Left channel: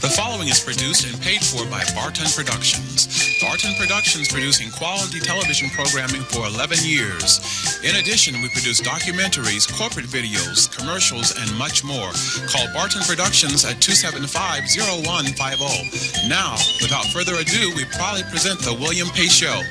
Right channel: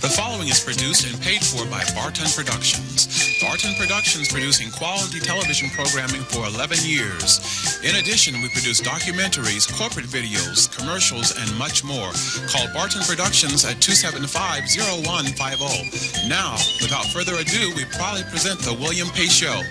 The following is produced and paid for by Barton Productions. Barton Productions producing quality television programming for 11 years. In addition, we produce documentaries, corporate videos, commercials, and much more. Call Barton Productions at 275-0150. Now, without further ado, we proudly present The William Pace Show.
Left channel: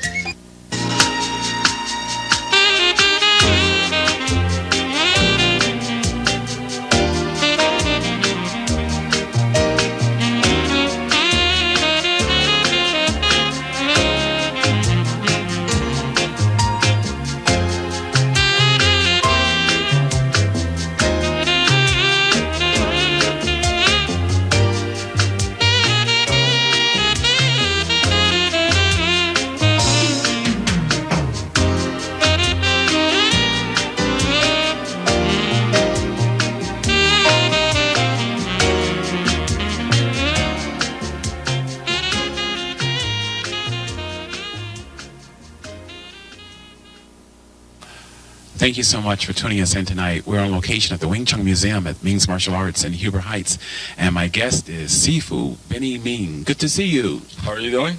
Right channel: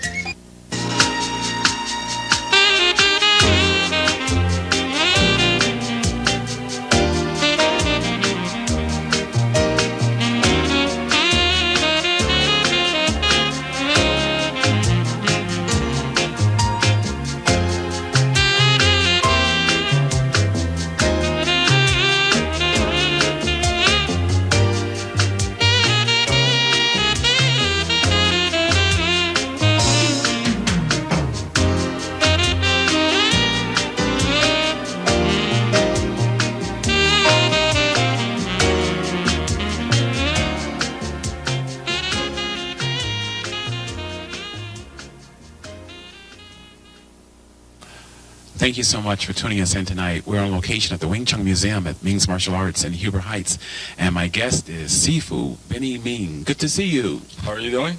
Thank you so much for tuning us in tonight. We're on location at the Wing Chun Museum at Ming's Martial Arts in Huber Heights. And my guest is Sifu Benny Ming. Good to see you. How are you doing?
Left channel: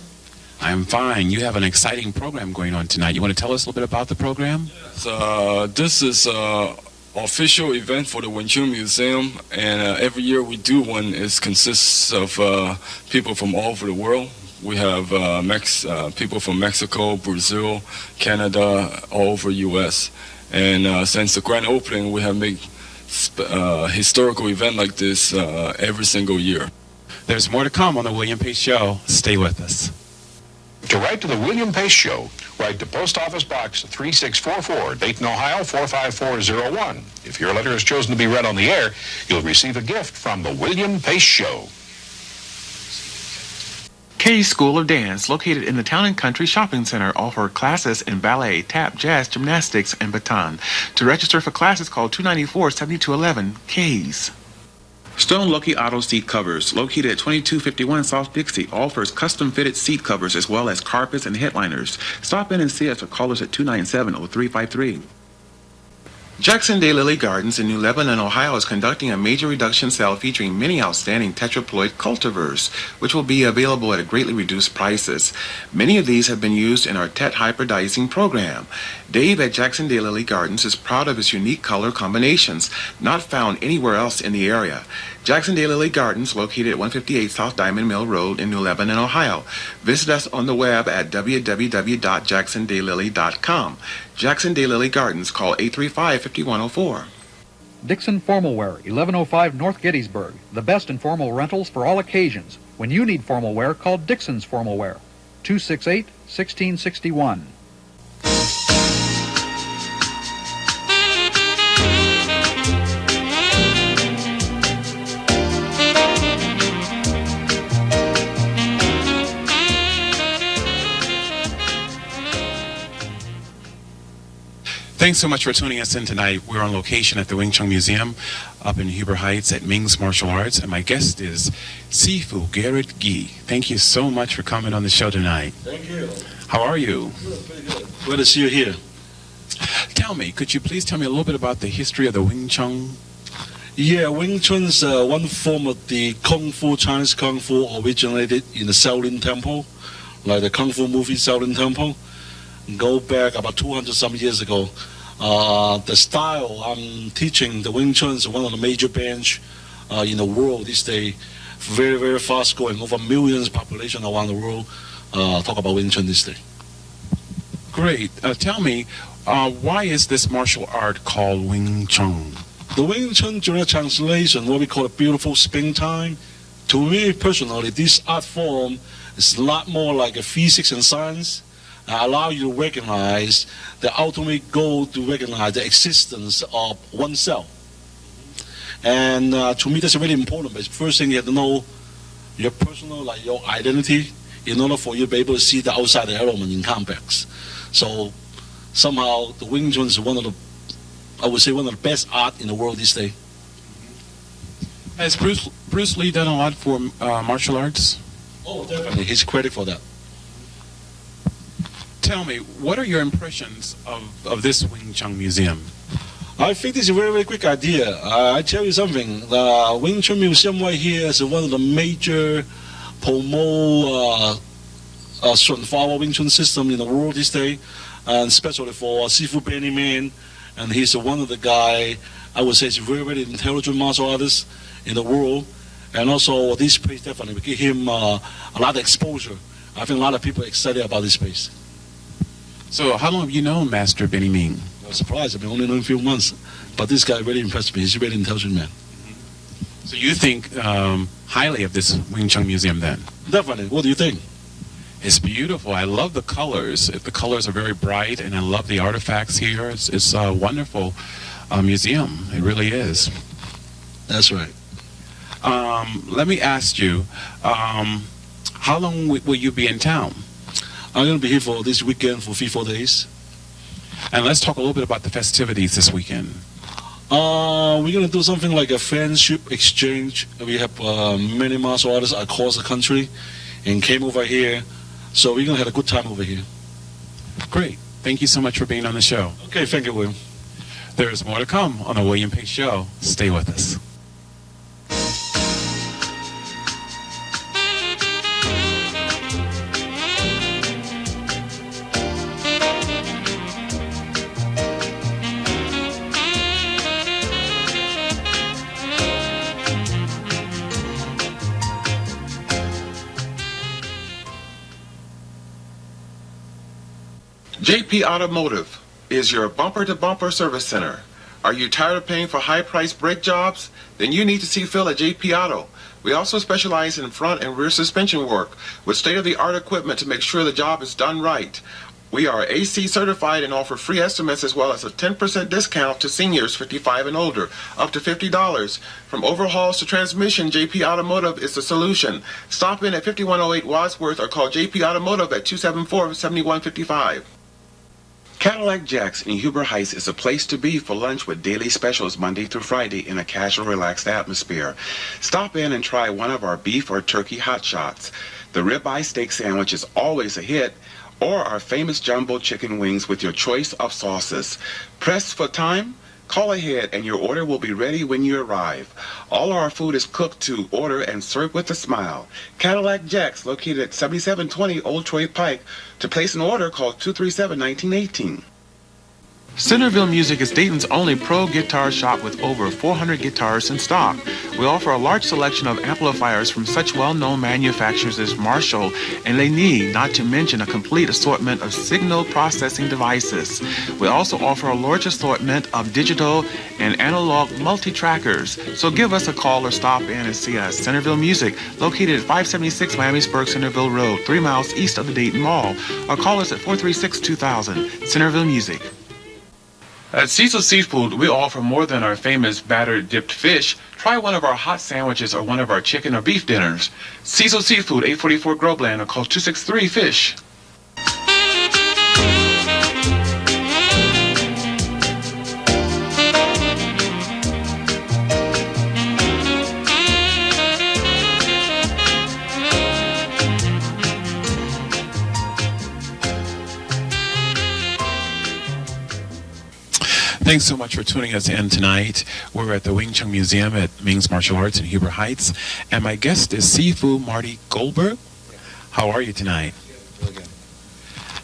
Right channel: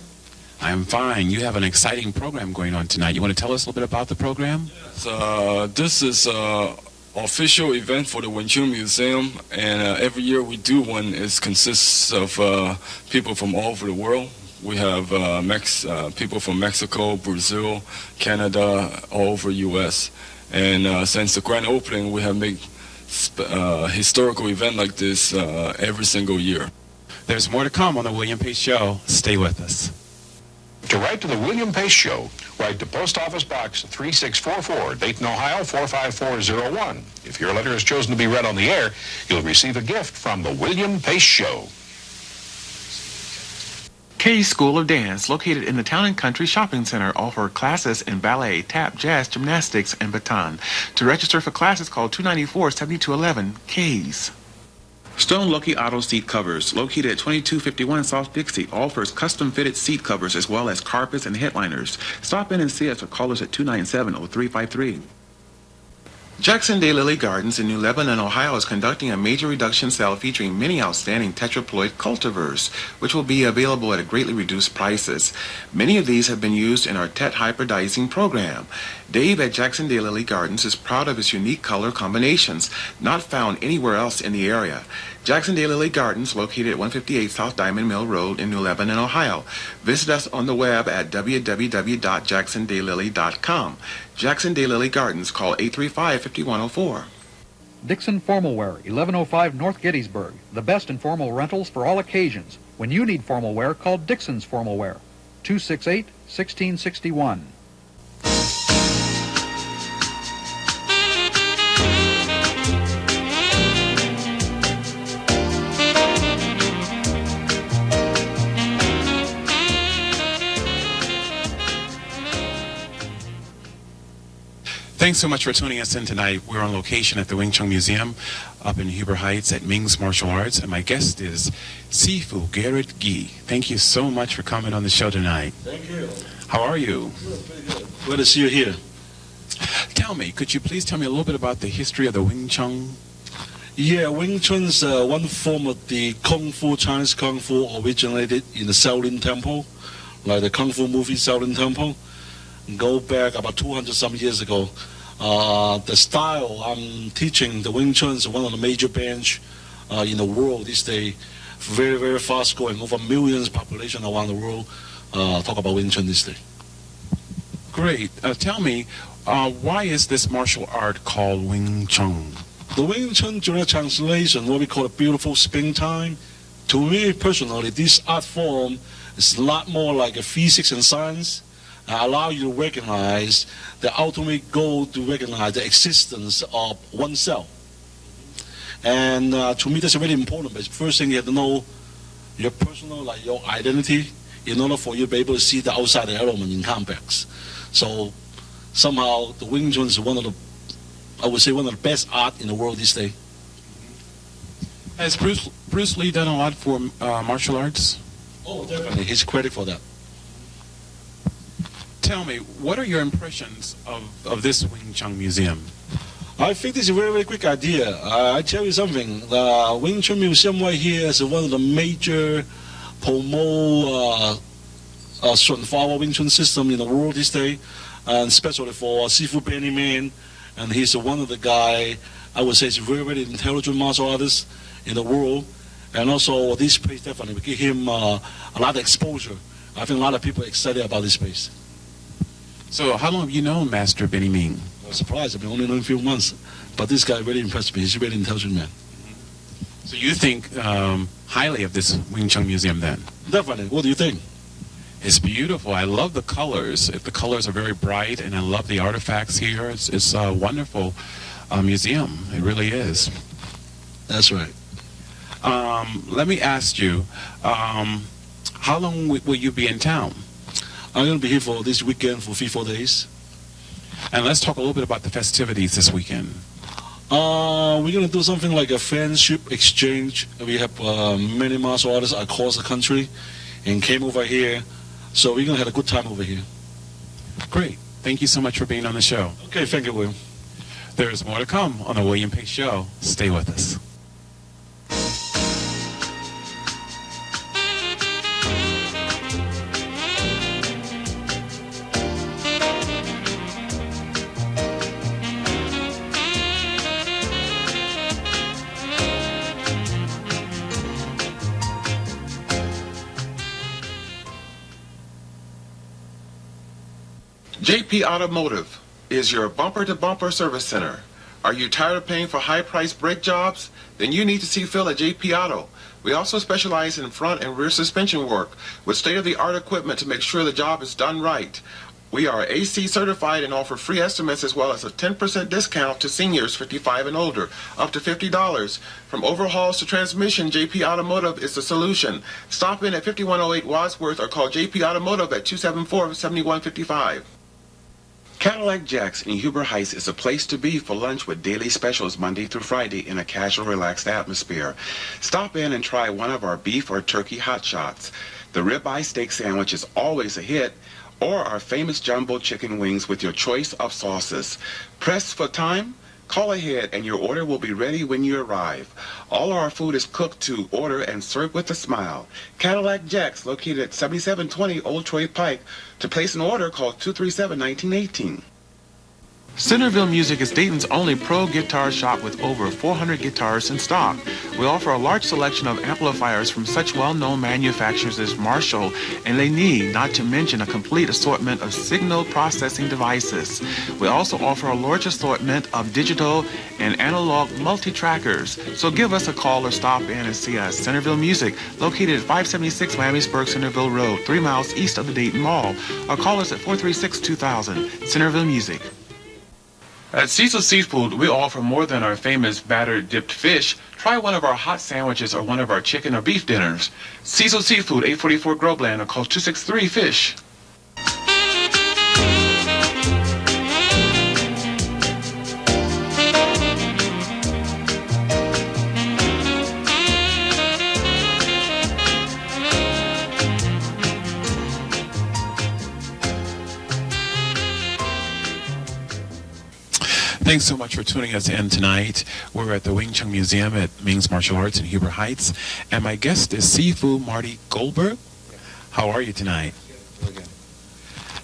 I'm fine. You have an exciting program going on tonight. You want to tell us a little bit about the program? Yes, this is an official event for the Wing Chun Museum. And every year we do one. It consists of people from all over the world. We have people from Mexico, Brazil, Canada, all over U.S. And since the grand opening, we have made historical event like this every single year. There's more to come on the William Pace Show. Stay with us. To write to the William Pace Show, write to Post Office Box 3644, Dayton, Ohio 45401. If your letter is chosen to be read on the air, you'll receive a gift from the William Pace Show. Kay's School of Dance, located in the Town and Country Shopping Center, offer classes in ballet, tap, jazz, gymnastics, and baton. To register for classes, call 294-7211, Kay's. Stone Lucky Auto Seat Covers, located at 2251 South Dixie, offers custom-fitted seat covers as well as carpets and headliners. Stop in and see us or call us at 297-0353. Jackson Daylily Gardens in New Lebanon, Ohio is conducting a major reduction sale featuring many outstanding tetraploid cultivars, which will be available at greatly reduced prices. Many of these have been used in our Tet hybridizing program. Dave at Jackson Daylily Gardens is proud of his unique color combinations, not found anywhere else in the area. Jackson Daylily Gardens, located at 158 South Diamond Mill Road in New Lebanon, Ohio. Visit us on the web at www.jacksondaylily.com. Jackson Daylily Gardens, call 835-5104. Dixon Formal Wear, 1105 North Gettysburg. The best in formal rentals for all occasions. When you need formal wear, call Dixon's Formal Wear, 268-1661. Thanks so much for tuning us in tonight. We're on location at the Wing Chun Museum up in Huber Heights at Ming's Martial Arts, and my guest is Sifu Garrett Gee. Thank you so much for coming on the show tonight. Thank you. How are you? Good, pretty good. Glad to see you here. Tell me, could you please tell me a little bit about the history of the Wing Chun? Yeah, Wing Chun is one form of the Kung Fu, Chinese Kung Fu, originated in the Shaolin Temple, like the Kung Fu movie Shaolin Temple. Go back about 200-some years ago. The style I'm teaching, the Wing Chun, is one of the major branch in the world these days. Very, very fast growing. Over millions population around the world talk about Wing Chun this day. Great. Tell me, why is this martial art called Wing Chun? The Wing Chun, direct translation, what we call a beautiful springtime. To me personally, this art form is a lot more like a physics and science. Allow you to recognize the ultimate goal, to recognize the existence of oneself. And to me, that's really important. But first thing, you have to know your personal, like your identity, in order for you to be able to see the outside element in complex. So somehow the Wing Chun is one of the, I would say, one of the best art in the world these days. Has Bruce Lee done a lot for martial arts? Oh, definitely. He's credited for that. Tell me, what are your impressions of this Wing Chun Museum? I think this is a very, very quick idea. I tell you something. The Wing Chun Museum right here is one of the major promote Sunflower Wing Chun system in the world this day, and especially for Sifu Benny Man. And he's one of the guy, I would say, is very, very intelligent martial artist in the world. And also, this place definitely will give him a lot of exposure. I think a lot of people are excited about this place. So how long have you known Master Benny Ming? I'm surprised. I've been only known a few months. But this guy really impressed me. He's a really intelligent man. So you think highly of this Wing Chun Museum then? Definitely. What do you think? It's beautiful. I love the colors. The colors are very bright, and I love the artifacts here. It's a wonderful museum. It really is. That's right. Let me ask you, how long will you be in town? I'm going to be here for this weekend for 3-4 days. And let's talk a little bit about the festivities this weekend. We're going to do something like a friendship exchange. We have many martial artists across the country and came over here. So we're going to have a good time over here. Great. Thank you so much for being on the show. Okay, thank you, William. There is more to come on the William Pace Show. Stay with us. JP Automotive is your bumper-to-bumper service center. Are you tired of paying for high-priced brake jobs? Then you need to see Phil at JP Auto. We also specialize in front and rear suspension work with state-of-the-art equipment to make sure the job is done right. We are AC certified and offer free estimates as well as a 10% discount to seniors 55 and older, up to $50. From overhauls to transmission, JP Automotive is the solution. Stop in at 5108 Wadsworth or call JP Automotive at 274-7155. Cadillac Jack's in Huber Heights is a place to be for lunch with daily specials Monday through Friday in a casual, relaxed atmosphere. Stop in and try one of our beef or turkey hot shots. The ribeye steak sandwich is always a hit, or our famous jumbo chicken wings with your choice of sauces. Pressed for time? Call ahead and your order will be ready when you arrive. All our food is cooked to order and served with a smile. Cadillac Jack's, located at 7720 Old Troy Pike. To place an order, call 237-1918. Centerville Music is Dayton's only pro guitar shop with over 400 guitars in stock. We offer a large selection of amplifiers from such well-known manufacturers as Marshall and Laney, not to mention a complete assortment of signal processing devices. We also offer a large assortment of digital and analog multi-trackers. So give us a call or stop in and see us. Centerville Music, located at 576 Miamisburg Centerville Road, 3 miles east of the Dayton Mall. Or call us at 436-2000. Centerville Music. At Cecil Seafood, we offer more than our famous battered dipped fish. Try one of our hot sandwiches or one of our chicken or beef dinners. Cecil Seafood, 844 Groveland, or call 263-FISH. Thanks so much for tuning us in tonight. We're at the Wing Chun Museum at Ming's Martial Arts in Huber Heights. And my guest is Sifu Marty Goldberg. How are you tonight? Really good.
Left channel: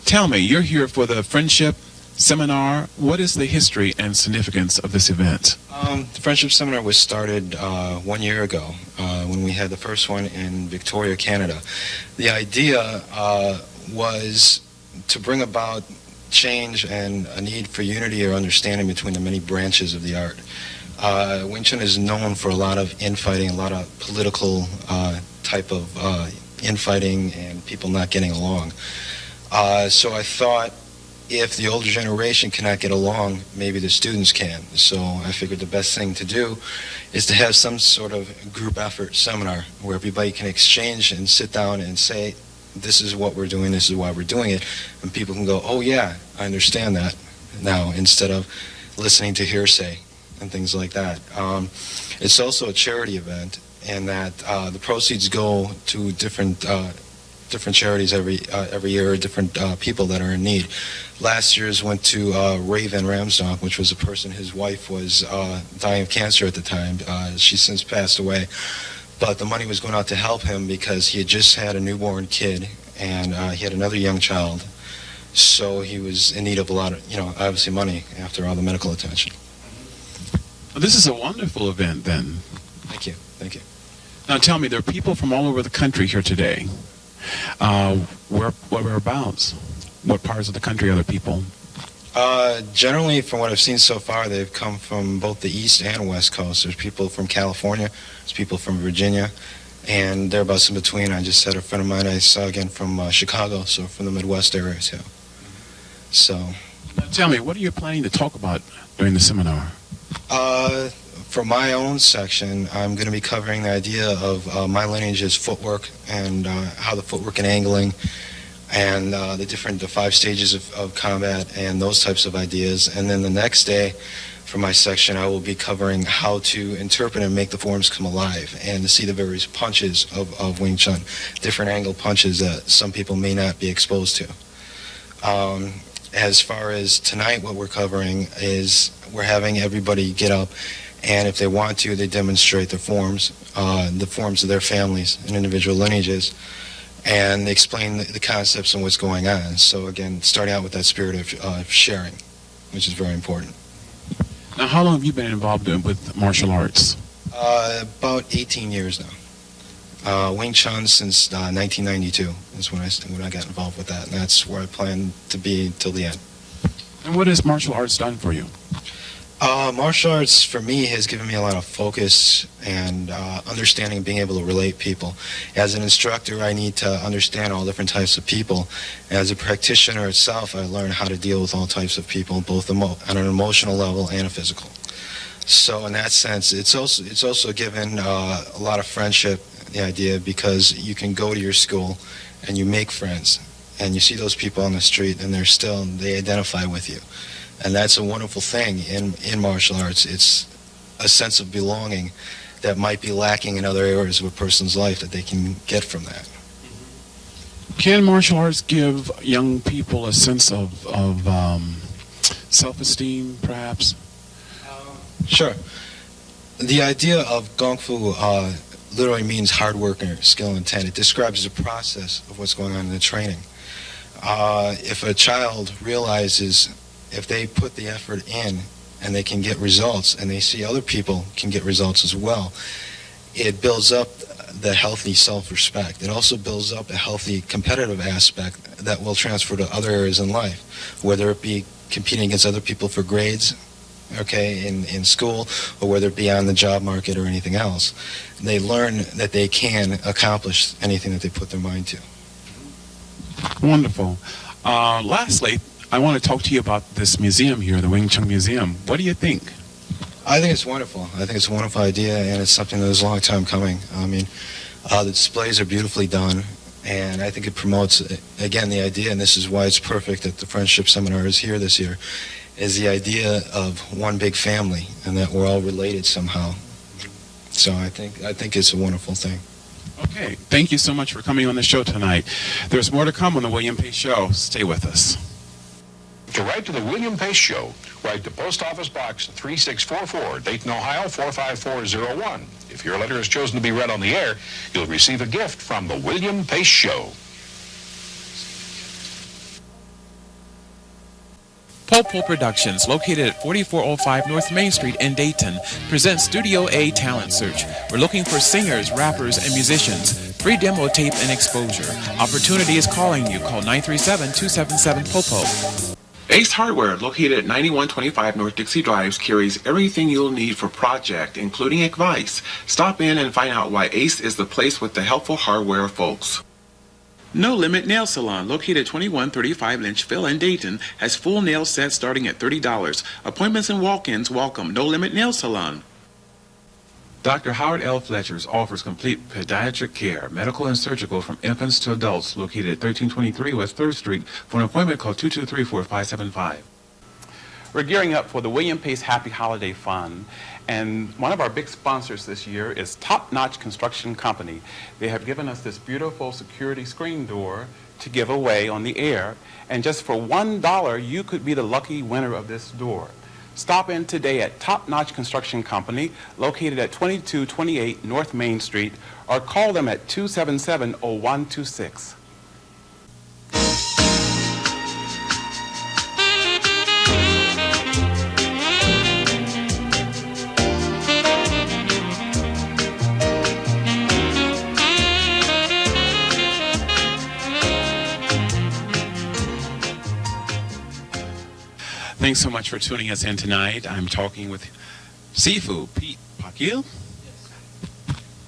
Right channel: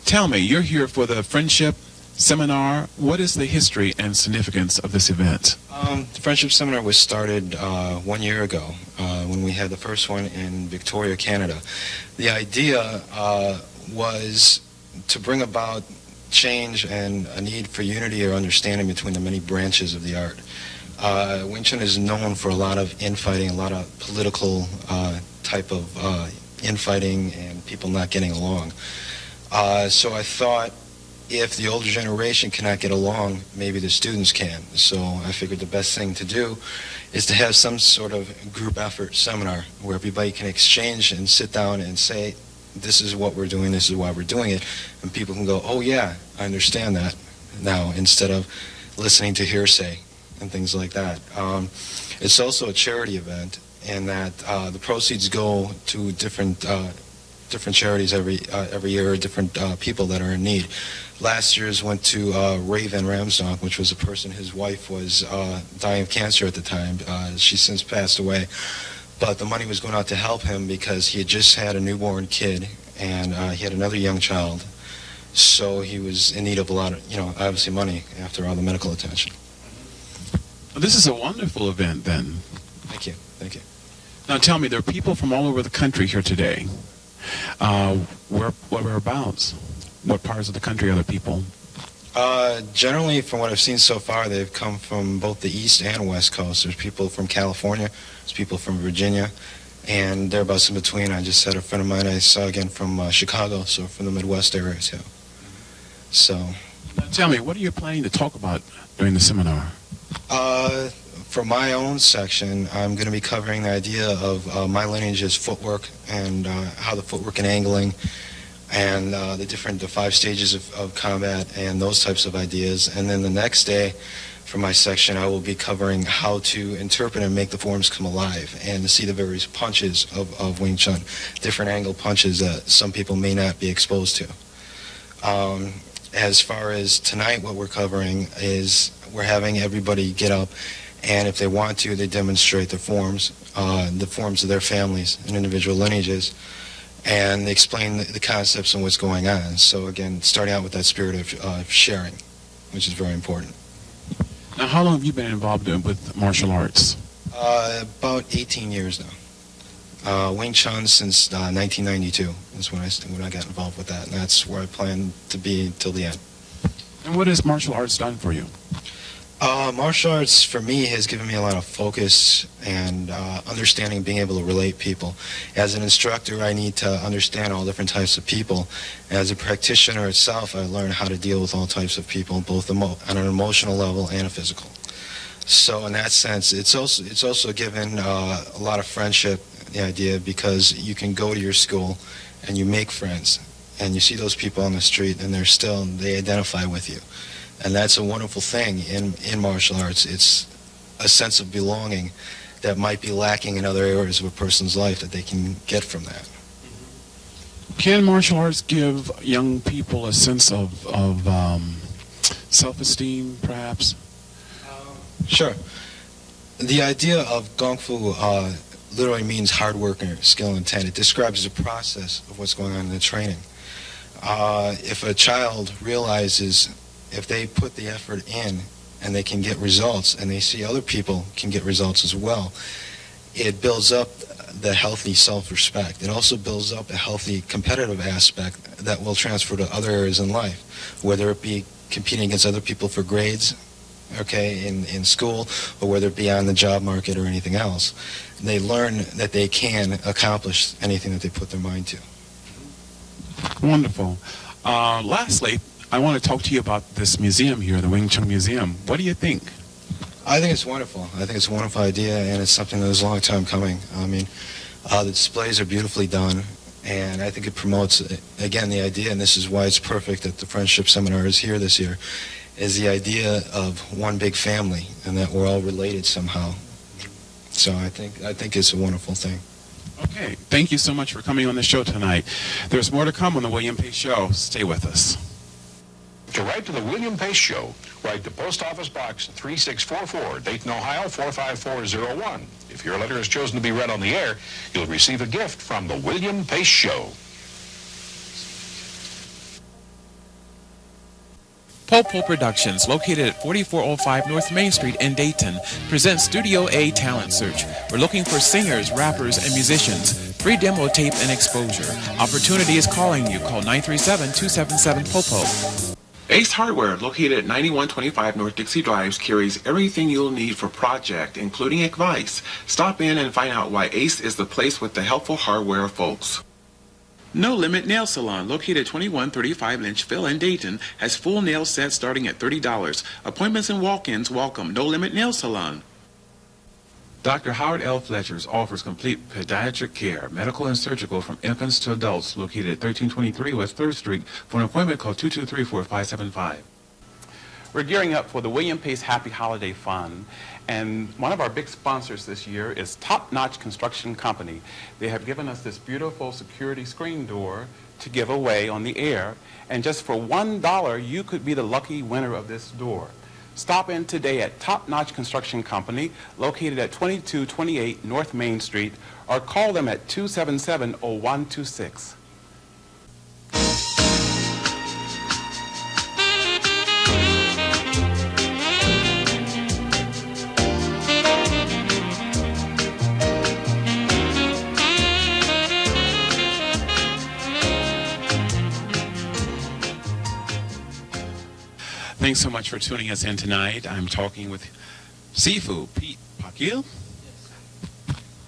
Tell me, you're here for the Friendship Seminar. What is the history and significance of this event? The Friendship Seminar was started 1 year ago when we had the first one in Victoria, Canada. The idea was to bring about change and a need for unity or understanding between the many branches of the art. Wing Chun is known for a lot of infighting, a lot of political type of infighting and people not getting along. So I thought if the older generation cannot get along, maybe the students can. So I figured the best thing to do is to have some sort of group effort seminar where everybody can exchange and sit down and say, this is what we're doing, this is why we're doing it, and people can go, oh yeah, I understand that now, instead of listening to hearsay and things like that. It's also a charity event, and that the proceeds go to different different charities every year, different people that are in need. Last year's went to Ray Van Ramsdonk, which was a person, his wife was dying of cancer at the time. She's since passed away. But the money was going out to help him because he had just had a newborn kid, and he had another young child. So he was in need of a lot of, obviously money after all the medical attention. Well, this is a wonderful event, then. Thank you. Thank you. Now tell me, there are people from all over the country here today. Whereabouts? What parts of the country are the people? Generally, from what I've seen so far, they've come from both the East and West Coast. There's people from California, there's people from Virginia, and thereabouts in between. I just had a friend of mine I saw again from Chicago, so from the Midwest area too. So, now tell me, what are you planning to talk about during the seminar? For my own section, I'm going to be covering the idea of my lineage's footwork and how the footwork and angling and the 5 stages of combat and those types of ideas. And then the next day, for my section, I will be covering how to interpret and make the forms come alive and to see the various punches of Wing Chun, different angle punches that some people may not be exposed to. As far as tonight, what we're covering is we're having everybody get up, and if they want to, they demonstrate the forms of their families and individual lineages, and they explain the concepts and what's going on. So again, starting out with that spirit of sharing, which is very important. Now, how long have you been involved with martial arts? About 18 years now. Wing Chun since 1992 is when I got involved with that, and that's where I plan to be till the end. And what has martial arts done for you? Martial arts, for me, has given me a lot of focus and understanding, being able to relate people. As an instructor, I need to understand all different types of people. As a practitioner itself, I learn how to deal with all types of people, both on an emotional level and a physical. So in that sense, it's also given a lot of friendship, the idea, because you can go to your school and you make friends, and you see those people on the street, and they identify with you. And that's a wonderful thing in martial arts. It's a sense of belonging that might be lacking in other areas of a person's life that they can get from that. Can martial arts give young people a sense of self-esteem, perhaps? Sure. The idea of Kung Fu literally means hard work and skill and intent. It describes the process of what's going on in the training. If a child realizes if they put the effort in and they can get results, and they see other people can get results as well, it builds up the healthy self-respect. It also builds up a healthy competitive aspect that will transfer to other areas in life, whether it be competing against other people for grades, in school, or whether it be on the job market or anything else. They learn that they can accomplish anything that they put their mind to. Wonderful. Lastly, I want to talk to you about this museum here, the Wing Chun Museum. What do you think? I think it's wonderful. I think it's a wonderful idea, and it's something that was a long time coming. I mean, the displays are beautifully done, and I think it promotes, again, the idea, and this is why it's perfect that the Friendship Seminar is here this year, is the idea of one big family, and that we're all related somehow. So I think it's a wonderful thing. Okay. Thank you so much for coming on the show tonight. There's more to come on the William Pace Show. Stay with us. To write to the William Pace Show, write to Post Office Box 3644, Dayton, Ohio 45401. If your letter is chosen to be read on the air, you'll receive a gift from the William Pace Show. Popo Productions, located at 4405 North Main Street in Dayton, presents Studio A Talent Search. We're looking for singers, rappers, and musicians. Free demo tape and exposure. Opportunity is calling you. Call 937-277-POPO. Ace Hardware, located at 9125 North Dixie Drive, carries everything you'll need for project, including advice. Stop in and find out why Ace is the place with the helpful hardware folks. No Limit Nail Salon, located at 2135 Lynchville in Dayton, has full nail sets starting at $30. Appointments and walk-ins welcome. No Limit Nail Salon. Dr. Howard L. Fletcher's offers complete pediatric care, medical and surgical from infants to adults, located at 1323 West 3rd Street. For an appointment, call 223-4575. We're gearing up for the William Pace Happy Holiday Fund, And one of our big sponsors this year is Top Notch Construction Company. They have given us this beautiful security screen door to give away on the air. And just for $1, you could be the lucky winner of this door. Stop in today at Top Notch Construction Company, located at 2228 North Main Street, or call them at 277-0126. Thanks so much for tuning us in tonight. I'm talking with Sifu Pete Pakil.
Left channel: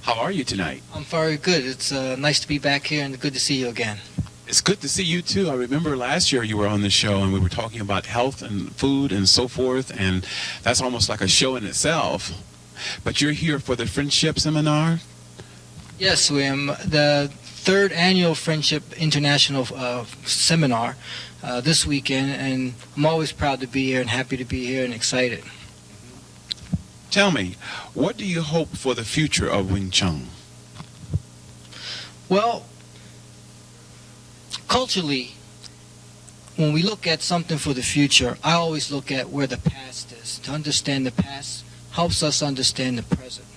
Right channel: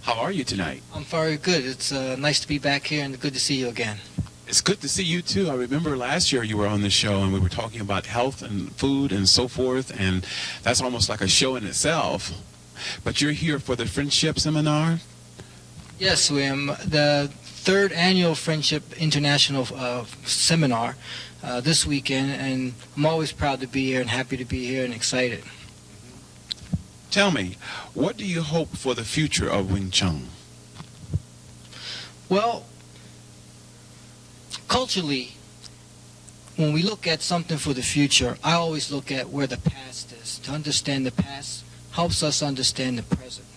How are you tonight? I'm very good. It's nice to be back here and good to see you again. It's good to see you too. I remember last year you were on the show and we were talking about health and food and so forth, and that's almost like a show in itself. But you're here for the Friendship Seminar? Yes, William. The third annual Friendship International Seminar this weekend, and I'm always proud to be here and happy to be here and excited. Tell me, what do you hope for the future of Wing Chun? Well, culturally, when we look at something for the future, I always look at where the past is. To understand the past helps us understand the present.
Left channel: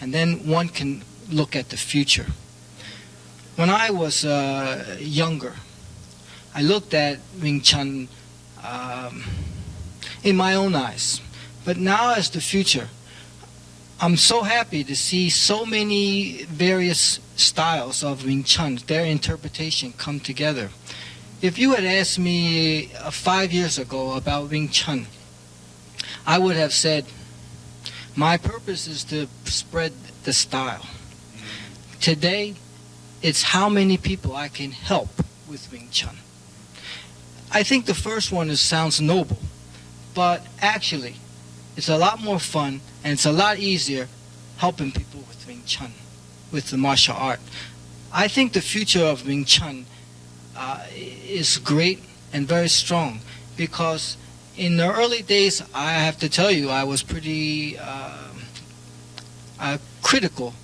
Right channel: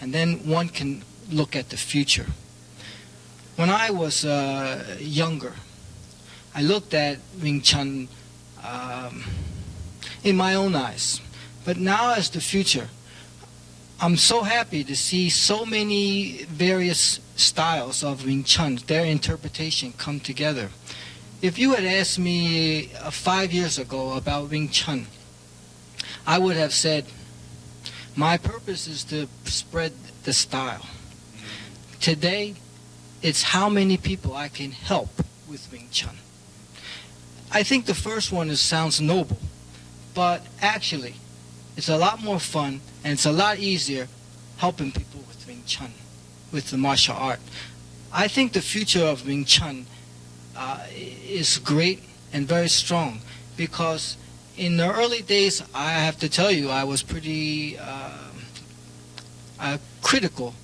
And then one can look at the future. When I was younger, I looked at Wing Chun in my own eyes. But now as the future, I'm so happy to see so many various styles of Wing Chun, their interpretation come together. If you had asked me 5 years ago about Wing Chun, I would have said, my purpose is to spread the style. Today, it's how many people I can help with Wing Chun. I think the first one sounds noble, but actually, it's a lot more fun and it's a lot easier helping people with Wing Chun, with the martial art. I think the future of Wing Chun is great and very strong because in the early days, I have to tell you, I was pretty critical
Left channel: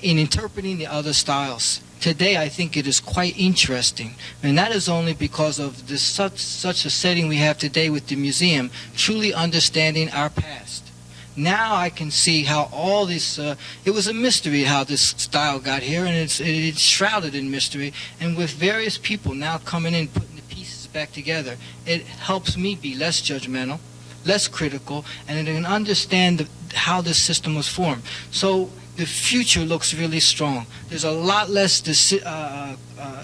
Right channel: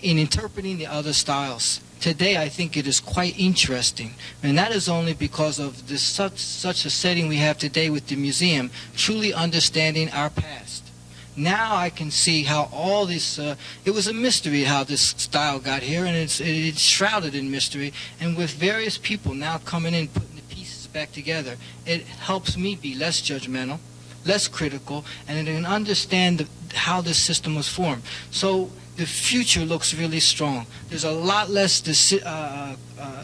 in interpreting the other styles. Today, I think it is quite interesting, and that is only because of this such a setting we have today with the museum, truly understanding our past. Now I can see how all this, it was a mystery how this style got here, and it's shrouded in mystery, and with various people now coming in, putting the pieces back together, it helps me be less judgmental, less critical, and I can understand how this system was formed. So the future looks really strong. There's a lot less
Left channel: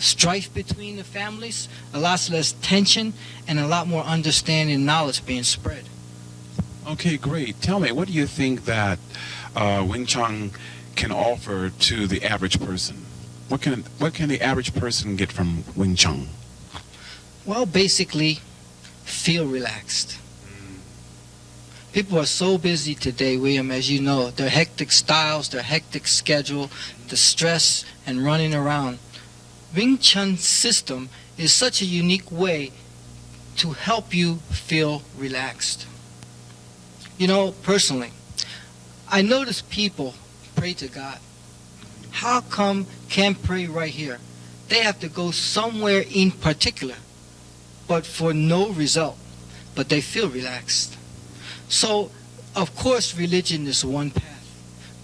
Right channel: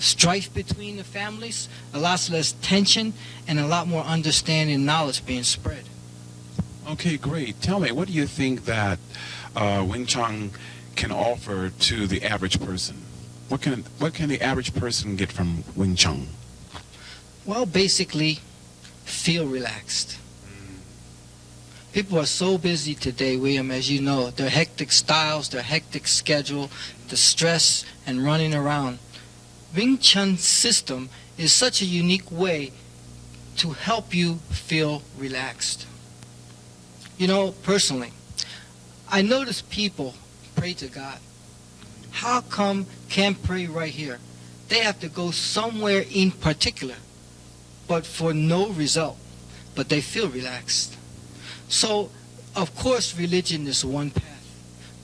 strife between the families, a lot less tension, and a lot more understanding and knowledge being spread. Okay, great. Tell me, what do you think that Wing Chun can offer to the average person? What can the average person get from Wing Chun? Well, basically, feel relaxed. People are so busy today, William, as you know. Their hectic styles, their hectic schedule, the stress and running around. Wing Chun's system is such a unique way to help you feel relaxed. You know, personally, I notice people pray to God. How come can't pray right here? They have to go somewhere in particular, but for no result. But they feel relaxed. So, of course, religion is one path.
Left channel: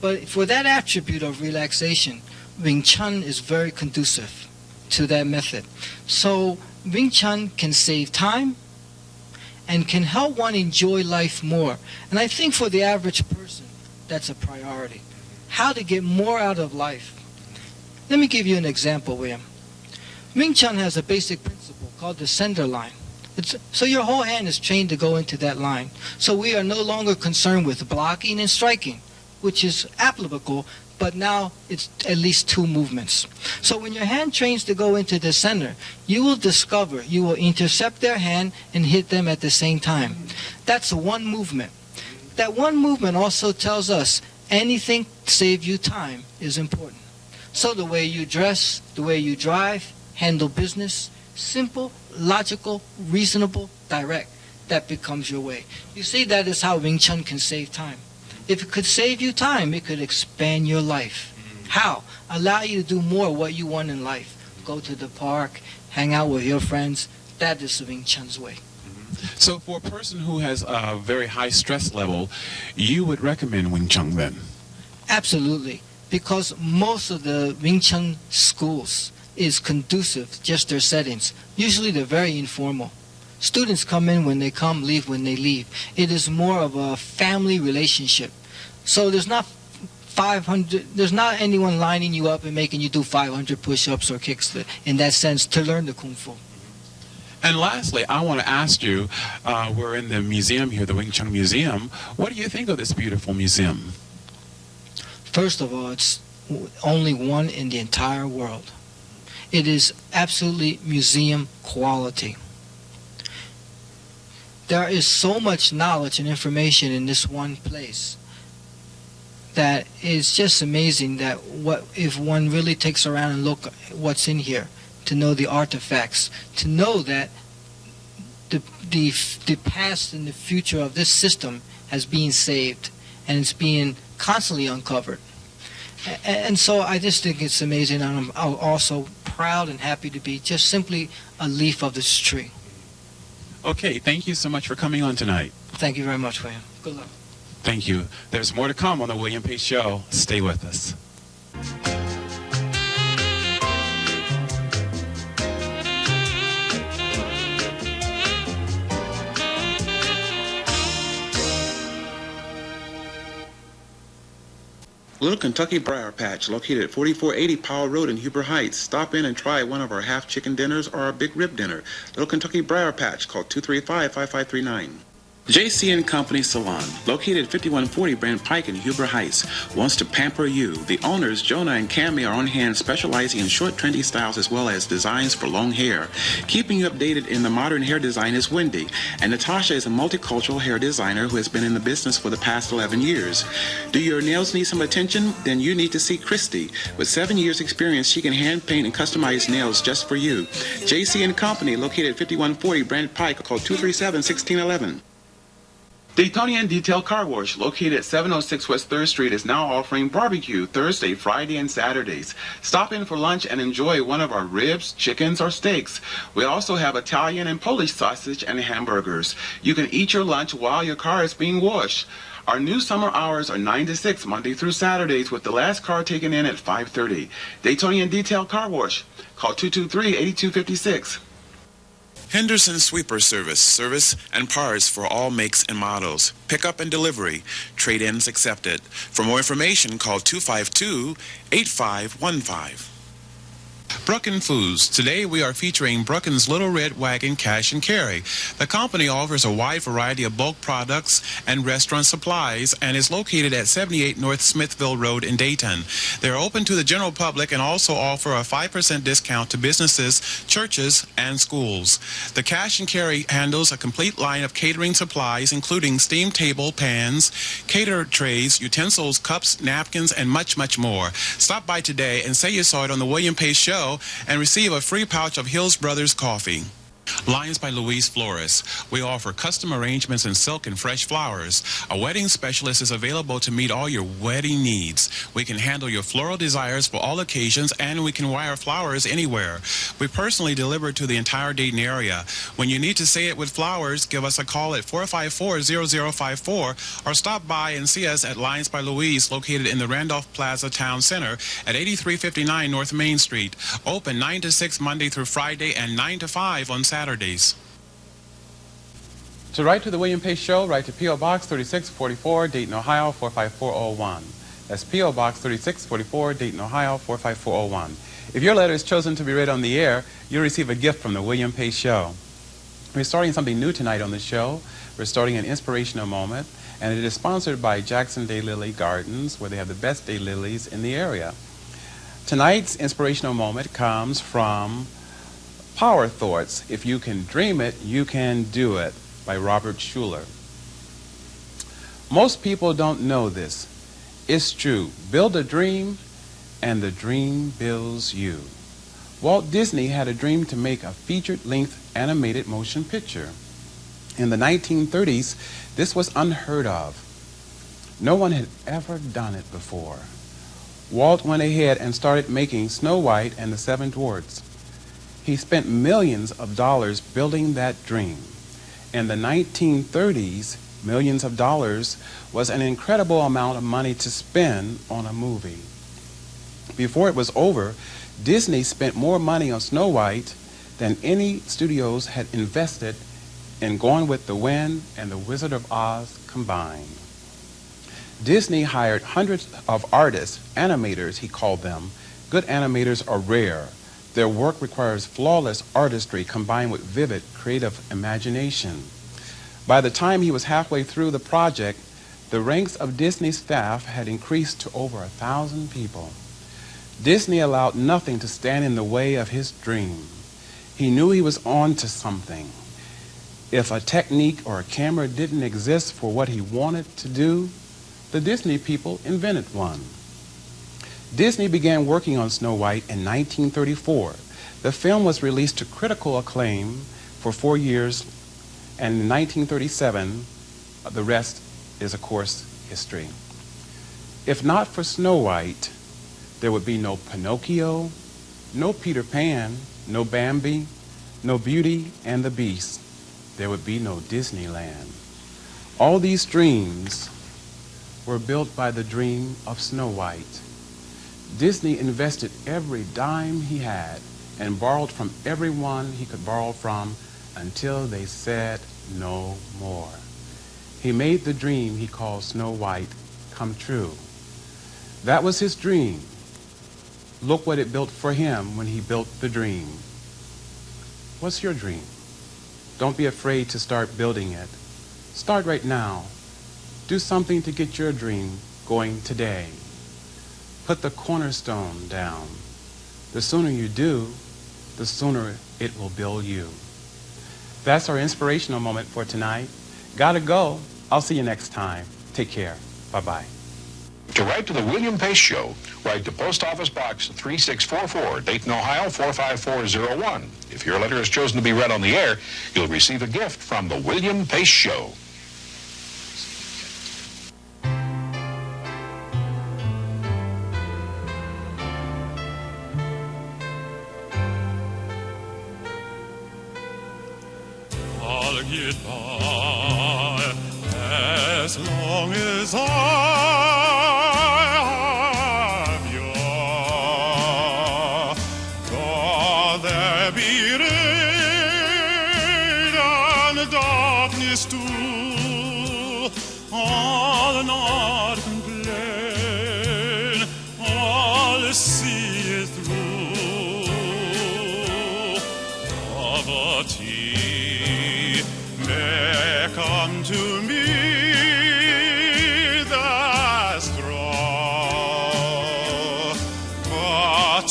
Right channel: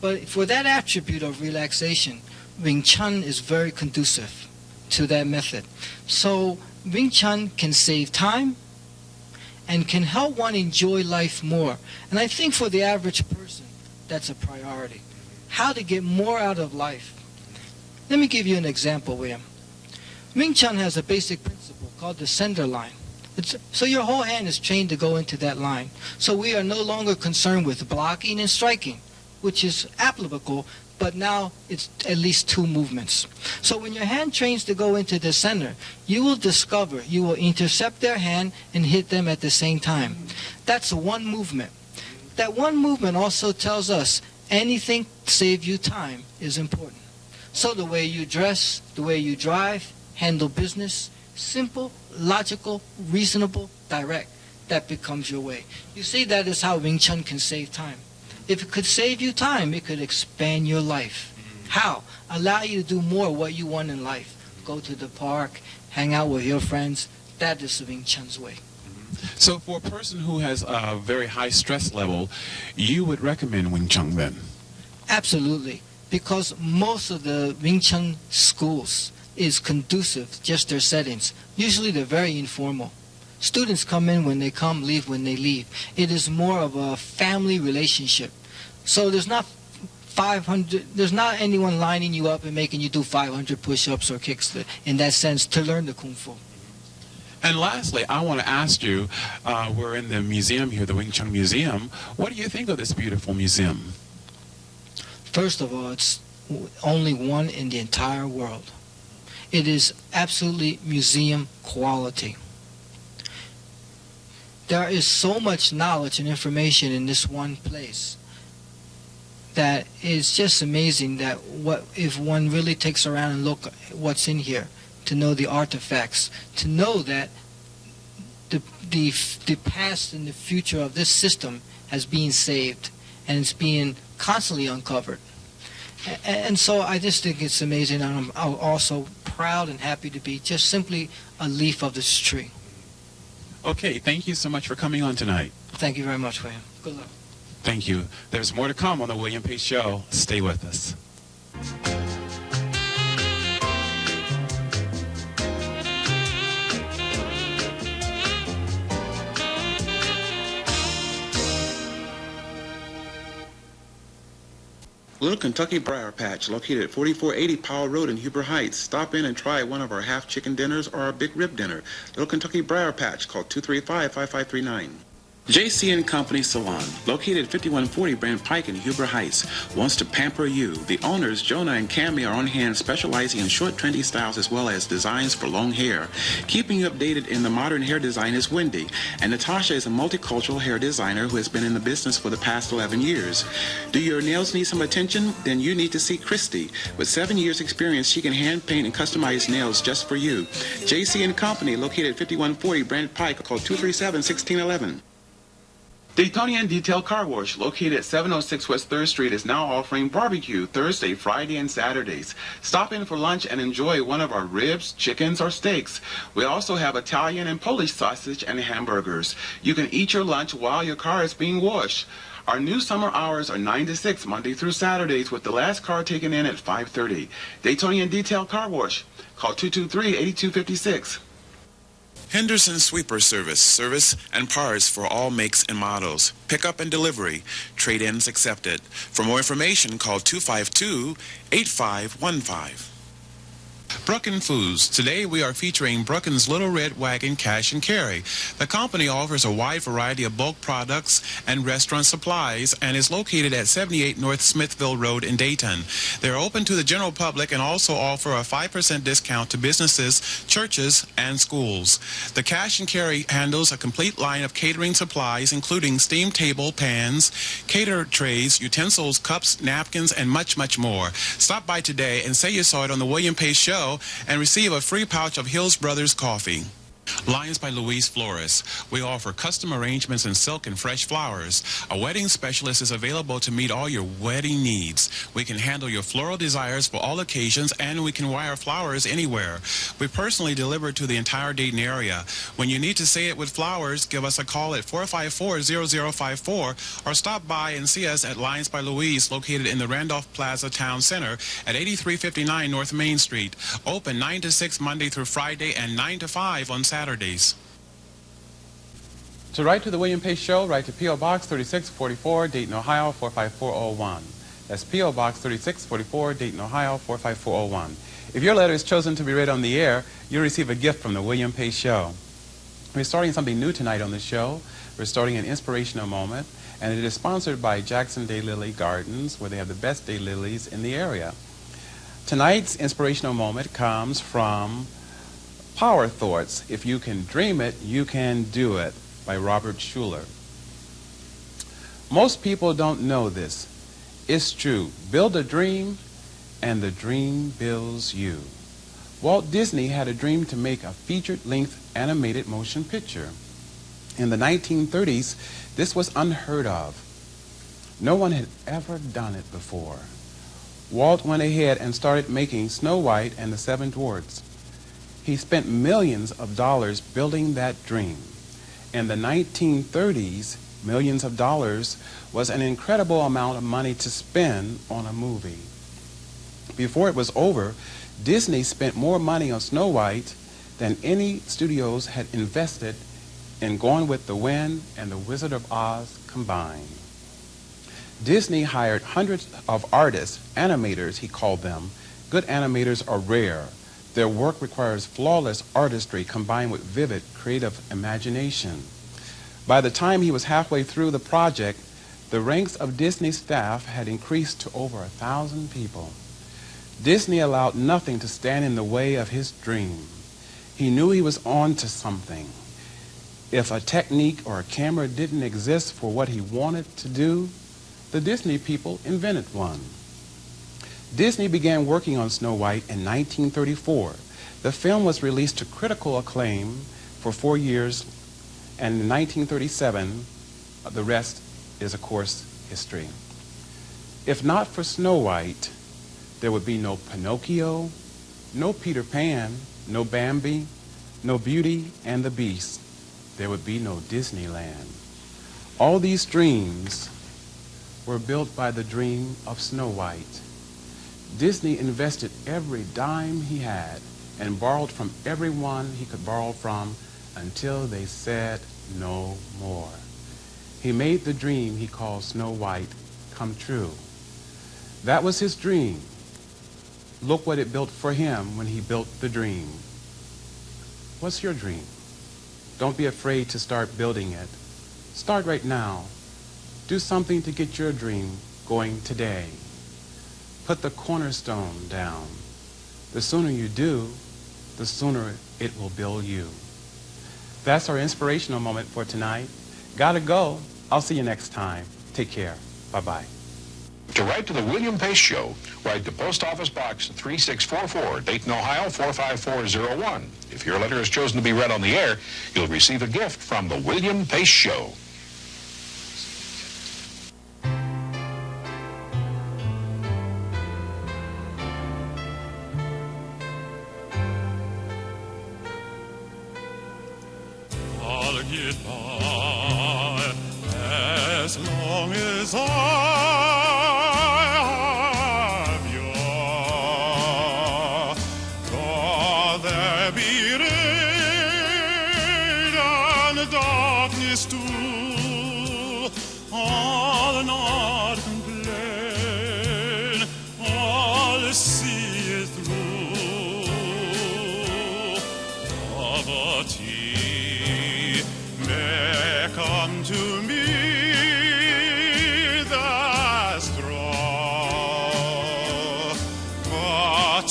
But for that attribute of relaxation, Wing Chun is very conducive to that method. So, Wing Chun can save time and can help one enjoy life more. And I think for the average person, that's a priority. How to get more out of life. Let me give you an example, William. Wing Chun has a basic principle called the sender line. So your whole hand is trained to go into that line. So we are no longer concerned with blocking and striking, which is applicable, but now it's at least two movements. So when your hand trains to go into the center, you will discover you will intercept their hand and hit them at the same time. That's one movement. That one movement also tells us anything to save you time is important. So the way you dress, the way you drive, handle business, simple, logical, reasonable, direct. That becomes your way. You see, that is how Wing Chun can save time. If it could save you time, it could expand your life. How? Allow you to do more of what you want in life. Go to the park, hang out with your friends. That is the Wing Chun's way. So for a person who has a very high stress level, you would recommend Wing Chun then? Absolutely. Because most of the Wing Chun schools is conducive, just their settings. Usually they're very informal. Students come in when they come, leave when they leave. It is more of a family relationship. So there's not anyone lining you up and making you do 500 push-ups or kicks in that sense to learn the Kung Fu. And lastly, I want to ask you, we're in the museum here, the Wing Chun Museum. What do you think of this beautiful museum? First of all, it's only one in the entire world. It is absolutely museum quality. There is so much knowledge and information in this one place that it's just amazing that if one really takes around and look at what's in here, to know the artifacts, to know that the past and the future of this system has been saved and it's being constantly uncovered. And so I just think it's amazing, and I'm also proud and happy to be just simply a leaf of this tree. Okay, thank you so much for coming on tonight. Thank you very much, William. Good luck. Thank you. There's more to come on the William Pace Show. Stay with us. Little Kentucky Briar Patch, located at 4480 Powell Road in Huber Heights. Stop in and try one of our half chicken dinners or our big rib dinner. Little Kentucky Briar Patch, call 235-5539. JC & Company Salon, located at 5140 Brand Pike in Huber Heights, wants to pamper you. The owners, Jonah and Cammie, are on hand specializing in short, trendy styles as well as designs for long hair. Keeping you updated in the modern hair design is Wendy, and Natasha is a multicultural hair designer who has been in the business for the past 11 years. Do your nails need some attention? Then you need to see Christy. With 7 years experience, she can hand paint and customize nails just for you. JC & Company, located at 5140 Brand Pike, call 237-1611. Daytonian Detail Car Wash, located at 706 West 3rd Street, is now offering barbecue Thursday, Friday, and Saturdays. Stop in for lunch and enjoy one of our ribs, chickens, or steaks. We also have Italian and Polish sausage and hamburgers. You can eat your lunch while your car is being washed. Our new summer hours are 9 to 6, Monday through Saturdays, with the last car taken in at 5:30. Daytonian Detail Car Wash. Call 223-8256. Henderson Sweeper Service and parts for all makes and models. Pickup and delivery. Trade-ins accepted. For more information, call 252-8515. Brucken Foods. Today we are featuring Brucken's Little Red Wagon Cash and Carry. The company offers a wide variety of bulk products and restaurant supplies and is located at 78 North Smithville Road in Dayton. They are open to the general public and also offer a 5% discount to businesses, churches, and schools. The Cash and Carry handles a complete line of catering supplies, including steam table, pans, cater trays, utensils, cups, napkins, and much, much more. Stop by today and say you saw it on the William Pace Show and receive a free pouch of Hills Brothers coffee. Lines by Louise Flores. We offer custom arrangements in silk and fresh flowers. A wedding specialist is available to meet all your wedding needs. We can handle your floral desires for all occasions, and we can wire flowers anywhere. We personally deliver to the entire Dayton area. When you need to say it with flowers, give us a call at 454-0054 or stop by and see us at Lines by Louise, located in the Randolph Plaza Town Center at 8359 North Main Street. Open 9 to 6 Monday through Friday and 9 to 5 on Saturdays. To write to the William Pace Show, write to P.O. Box 3644, Dayton, Ohio 45401. That's P.O. Box 3644, Dayton, Ohio 45401. If your letter is chosen to be read on the air, you'll receive a gift from the William Pace Show. We're starting something new tonight on the show. We're starting an inspirational moment, and it is sponsored by Jackson Daylily Gardens, where they have the best daylilies in the area. Tonight's inspirational moment comes from Power Thoughts. If you can dream it, you can do it, by Robert Schuller. Most people don't know this. It's true. Build a dream, and the dream builds you. Walt Disney had a dream to make a featured-length animated motion picture. In the 1930s, this was unheard of. No one had ever done it before. Walt went ahead and started making Snow White and the Seven Dwarfs. He spent millions of dollars building that dream. In the 1930s, millions of dollars was an incredible amount of money to spend on a movie. Before it was over, Disney spent more money on Snow White than any studios had invested in Gone with the Wind and The Wizard of Oz combined. Disney hired hundreds of artists, animators he called them. Good animators are rare. Their work requires flawless artistry combined with vivid, creative imagination. By the time he was halfway through the project, the ranks of Disney's staff had increased to over 1,000 people. Disney allowed nothing to stand in the way of his dream. He knew he was on to something. If a technique or a camera didn't exist for what he wanted to do, the Disney people invented one. Disney began working on Snow White in 1934. The film was released to critical acclaim for 4 years, and in 1937, the rest is, of course, history. If not for Snow White, there would be no Pinocchio, no Peter Pan, no Bambi, no Beauty and the Beast. There would be no Disneyland. All these dreams were built by the dream of Snow White. Disney invested every dime he had and borrowed from everyone he could borrow from until they said no more. He made the dream he called Snow White come true. That was his dream. Look what it built for him when he built the dream. What's your dream? Don't be afraid to start building it. Start right now. Do something to get your dream going today. Put the cornerstone down. The sooner you do, the sooner it will build you. That's our inspirational moment for tonight. Gotta go. I'll see you next time. Take care. Bye-bye. To write to the William Pace Show, write to Post Office Box 3644, Dayton, Ohio 45401. If your letter is chosen to be read on the air, you'll receive a gift from the William Pace Show. I'll get by as long as I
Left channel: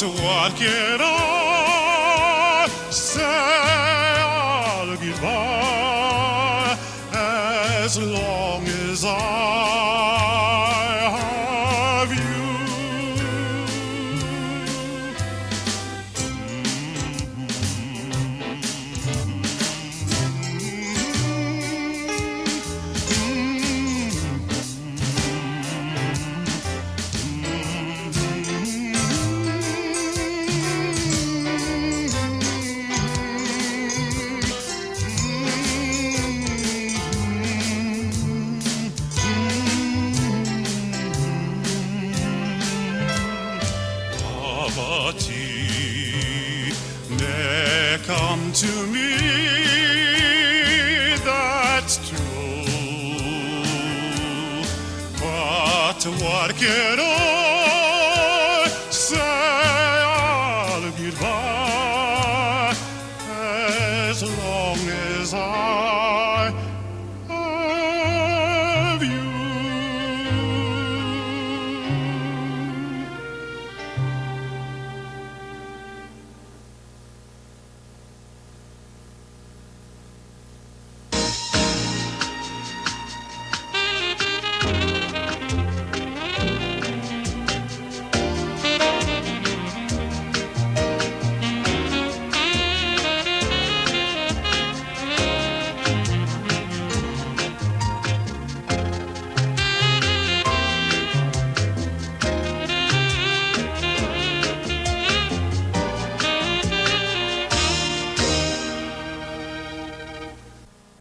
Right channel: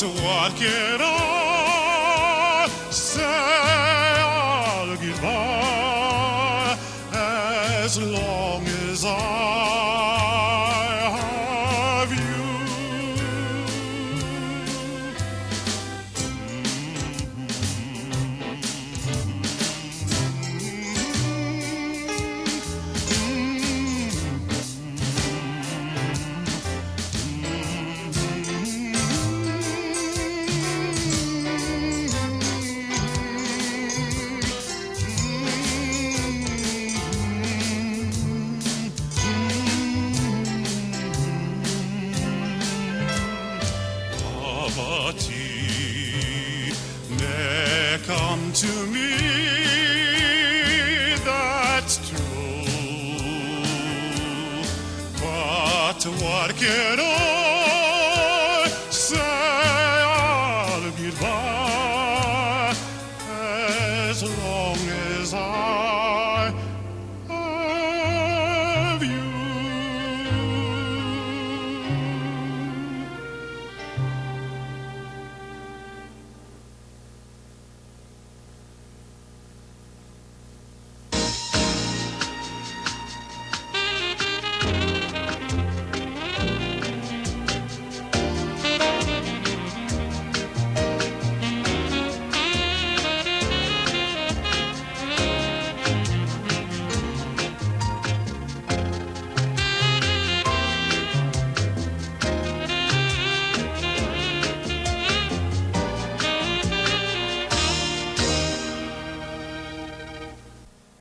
what can I say? I'll get by as long as I have you. Come to me, that's true, but what can I